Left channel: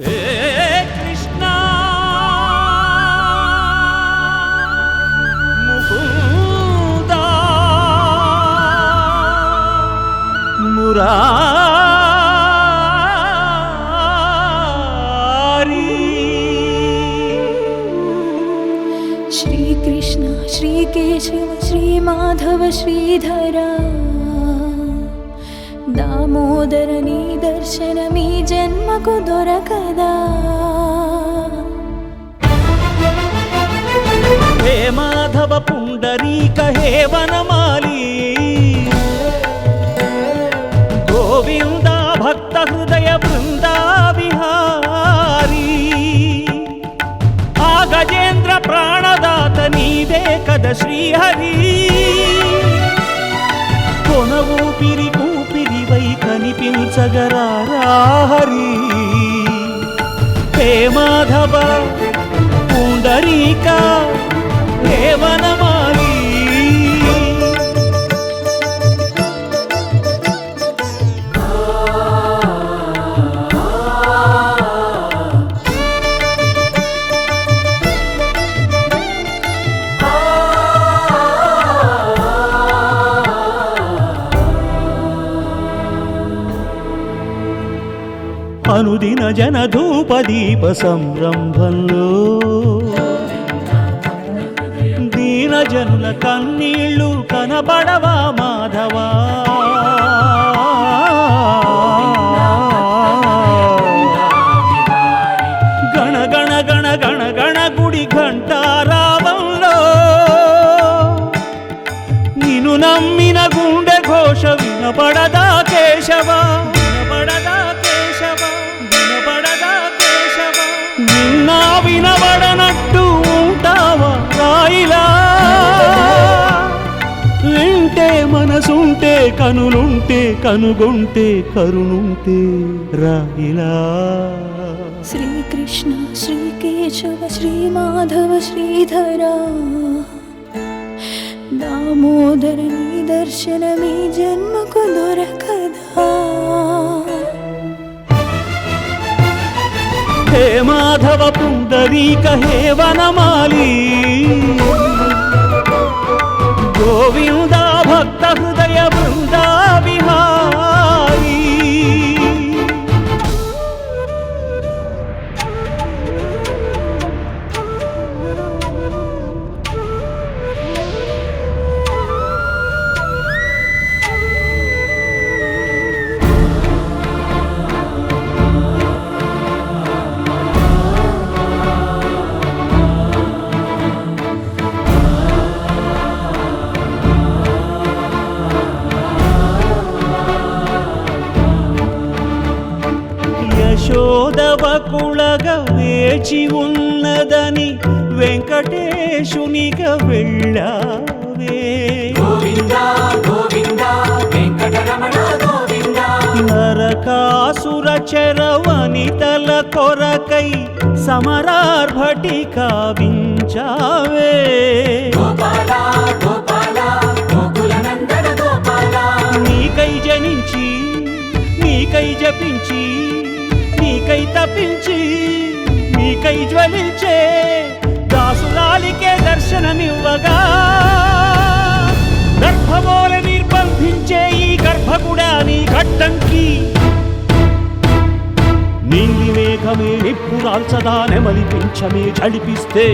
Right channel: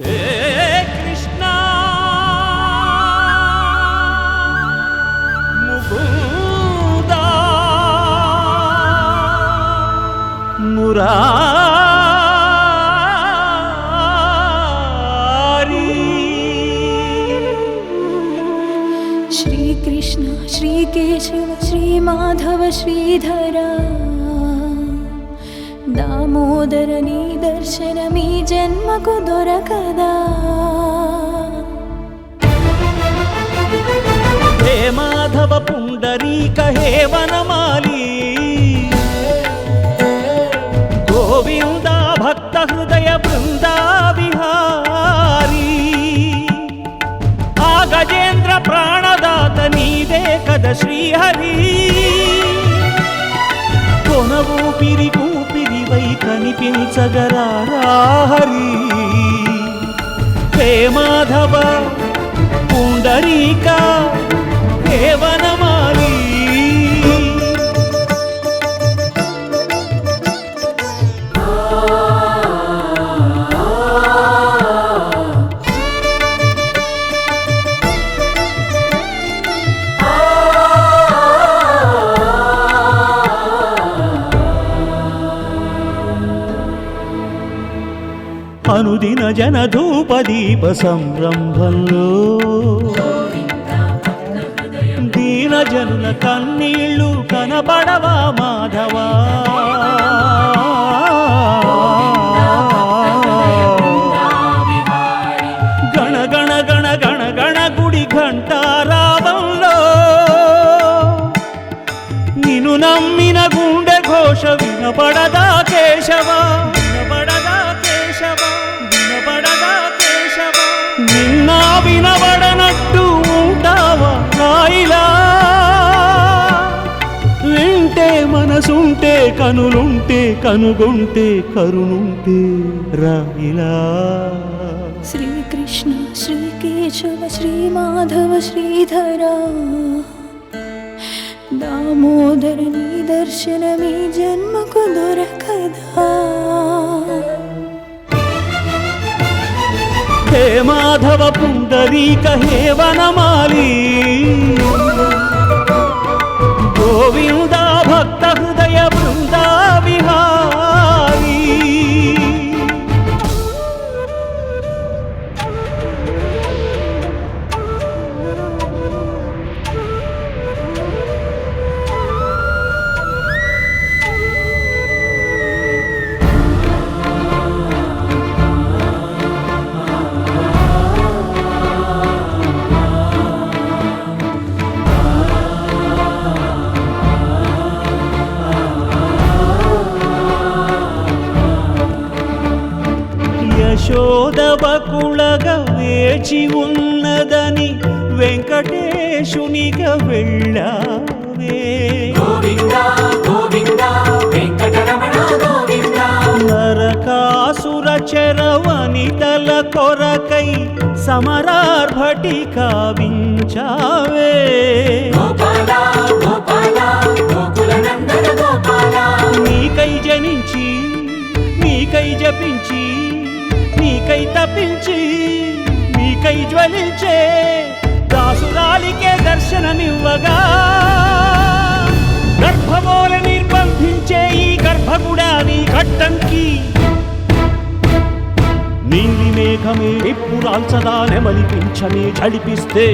कृष्ण। मुकुदा मुरा श्रीकृष्ण श्रीकेशव श्रीमाधव श्रीधरा। దామోదర నీ దర్శనమీ జన్మకు దొరకదా. హే మాధవ పుండరీక హే వనమాలి. గోవింద భక్త హృదయ బృందా విహారీ ఆ గజేంద్ర ప్రాణదాత నీదే కద శ్రీహరీ. కొన ఊపిరి కూపిరివై కనిపించగరాహరి హే మాధవ పుండరీక హే వనమాలి. అనుదిన జనధూప దీప సంరంభంలో దీన జనుల కన్నీళ్ళు కనపడవా మాధవా? గణ గణ గణ గణ గణ గుడి ఘంటారావంలో నిన్ను నమ్మిన గుండె ఘోష వినపడదా కేశవా? నిన్నా వినబడనట్టు ఉంటావా రాయిలా? వింటే మనసుంటే కనులుంటే కనుగొంటే కరుణుంటే రాయిలా? శ్రీకృష్ణ శ్రీకేశవ శ్రీమాధవ శ్రీధరా. దామోదర నీ దర్శనమీ జన్మకు దొరకద. హే మాధవ పుండరీక హే వనమాలి గోవింద భక్త హృదయ బృందా విహారీ యశోదవకుళగా వేచి ఉన్నదని వెంకటేశునిగా వెళ్ళావే నరకాసుర చరవనితల కొరకై సమరార్భటి కావించావే. నీకై జనించి నీకై జపించి నీకై తప్పించి నీకై జ్వలించే దాసురాలికే దర్శనమివ్వగా. గర్భమోల నిర్బంధించే ఈ గర్భగుడా నీ కట్టంకి నీలి మేఘమే నిప్పురాల్చదా నెమలిపించమే జడిపిస్తే